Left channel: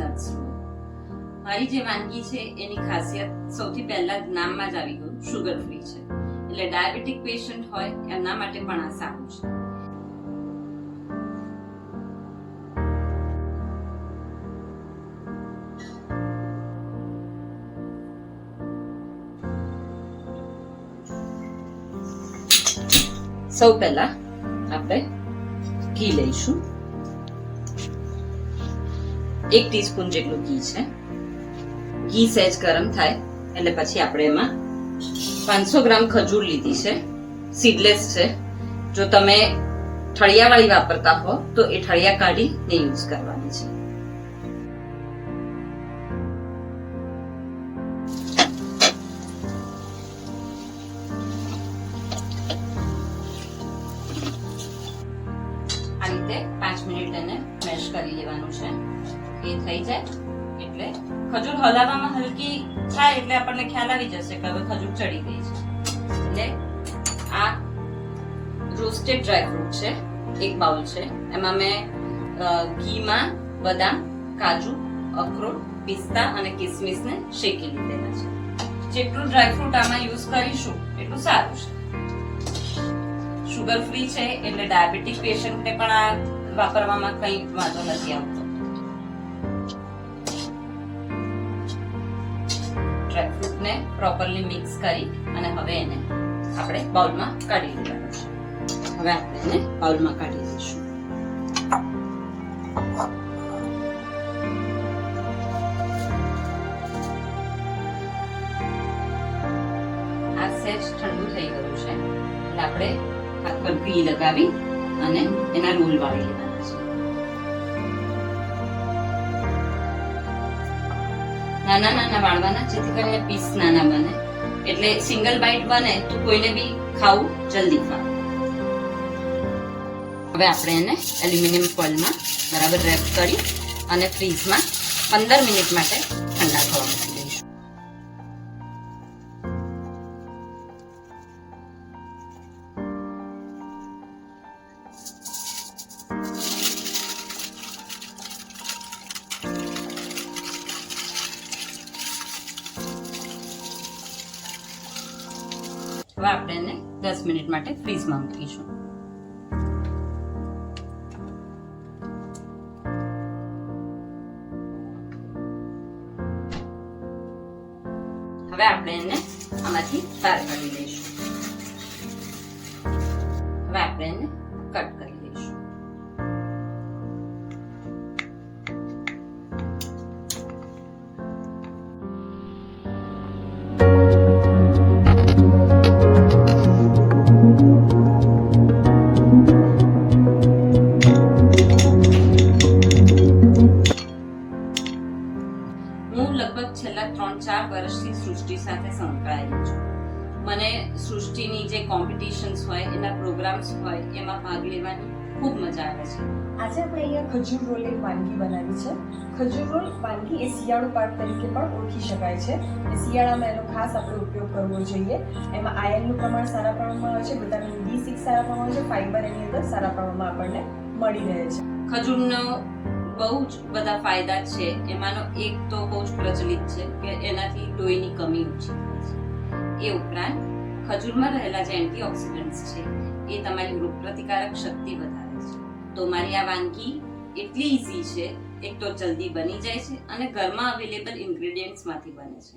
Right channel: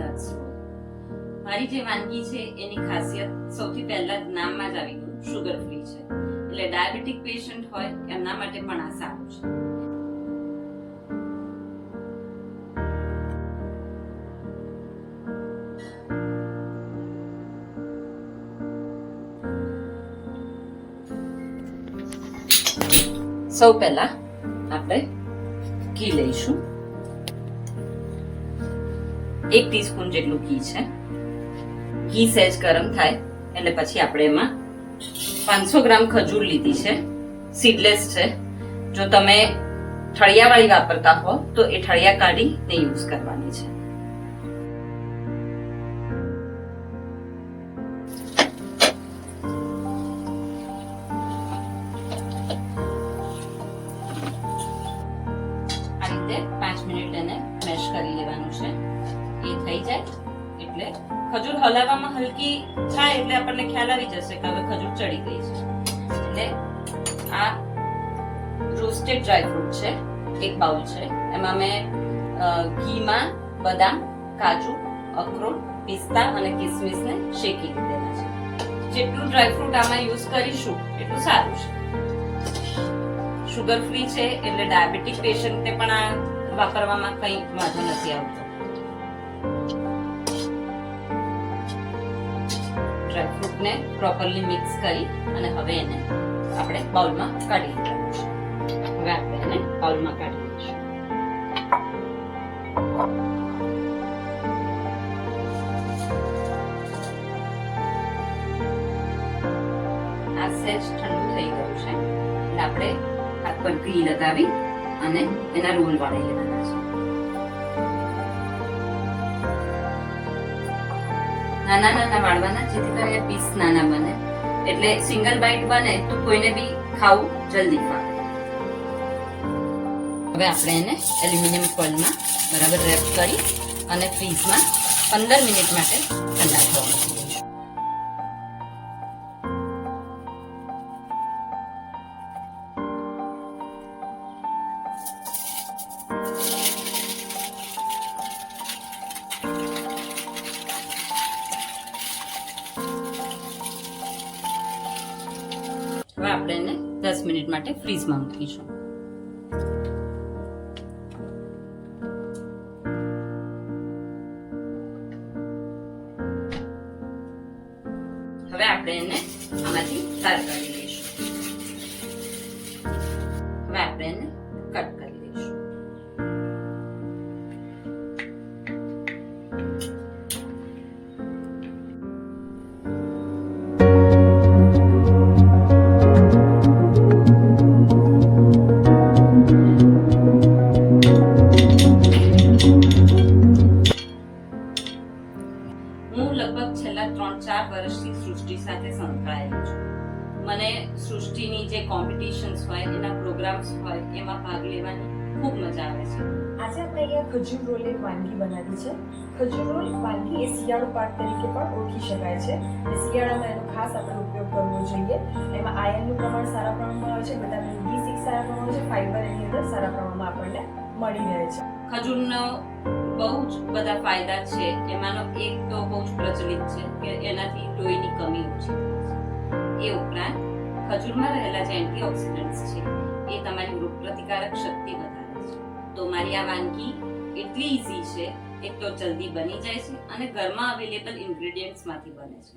Nuts હોય. મારી જે વાનગી છે એની ખાસિયત સૌથી પહેલા નામમાં જ આવી ગયું, શુગર ફ્રી છે. એટલે ડાયાબિટીક પેશન્ટ હોય એમના માટે પણ આ સારું છે. સૌ પહેલા આપણે ઘી લઈશું. 1 ટીસ્પૂન જેટલું ઘી છે. ઘી સહેજ ગરમ થાય એટલે પછી આપણે એમાં 500 ગ્રામ ખજૂર લીધી છે, સીડલેસ છે. જો તમે ઠળિયાવાળી વાપરતા હો તો એ ઠળિયા કાઢીને યુઝ કરવાની છે. આ રીતે 5 મિનિટ એને મેશ કરી લેવાનું છે. એ થઈ જાય એટલે ખજૂર હલાવવામાં હલકી થાય એટલે આપણને ખ્યાલ આવી જશે કે હવે ખજૂર ચડી ગઈ છે. એટલે આ રોસ્ટેડ ડ્રાય ફ્રૂટ છે, 1 બાઉલ છે. એમાં મેં ઘીમાં બદામ, કાજુ, અખરોટ, પિસ્તા અને કિસમિસને શેકી લીધેલા છે. જેટલું ડ્રાય ફ્રૂટ આમાં યુઝ કરીશું એટલું સારું છે. શુગર ફ્રી છે એટલે ડાયાબિટીક પેશન્ટને પણ આ વાપરવામાં કંઈ વાંધો નથી આવતો. ડ્રાયફ્રૂટને પ્રોપરલી મિક્સ કરી અને હવે એને આપણે બાઉલમાં કાઢી લેવાનું છે. હવે આપણે એને બાઉલમાં કાઢી લઈશું. આ સહેજ ઠંડુ થઈ ગયું છે એટલે આપણે હાથ પર ઘી લગાવી અને એના રોલ વાળી લેવાના છે. નાના નાના વાળવાના જેથી કરીને પીસ નાના બને, એટલે સિંગલ બાઈટ બને તો કોઈને બી ખાવું જલ્દી ફાવે. હવે આપણે એને એલ્યુમિનિયમ ફોઇલમાં બરાબર રેપ કરી અને ફ્રીઝમાં 15 મિનિટ માટે ઠંડા થવા મૂકી દઈશું. હવે આપણે એને 10 મિનિટ માટે ફ્રીઝમાં મૂકીશું. હવે આપણે એને આમાંથી બહાર કાઢી લઈશું. હવે આપણે એને કટ કરી લઈશું. લગભગ છેલ્લા 3-4 વર્ષથી સૃષ્ટિ સાથે સંકળાયેલી છું. મને સૃષ્ટિની જે કોમ્પિટિશન્સ હોય, એના પ્રોગ્રામ્સ હોય, એમાં ભાગ લેવાની ખૂબ મજા આવે છે. આજે આપણે અહીંયા ખજૂર રોલ એક વાનગી બનાવી છે. ખજૂર રોલ વાનગી એ શિયાળુ પાક તરીકે પણ ઓળખી શકાય છે અને શિયાળામાં એનો ખાસ આપણે ઉપયોગ કરવો જોઈએ. એમાં આયર્નનું પ્રમાણ સારા પ્રમાણમાં હોય છે, વિટામિન B6 સારા પ્રમાણમાં હોય છે, ફાઇબર એની અંદર સારા પ્રમાણમાં આપણને મળી રહે છે. ખજૂરનો બહુ જ બધા ફાયદા છે. એમાંનો એક તો બહુ જ પ્રચલિત છે કે એનાથી લોહીની કમી ઓછી થાય છે. એ ઉપરાંત ખજૂરમાં રહેલા જે એન્ટીઓક્સિડન્ટ્સ છે એ તમારી રોગ પ્રતિકારક શક્તિ વધારે છે. તો મારી આ વાનગી એટલી ઈઝી છે, એક તો જલ્દી બની જાય છે અને ઘરમાં અવેલેબલ ઇન્ગ્રેડિયન્ટ્સમાંથી બને છે.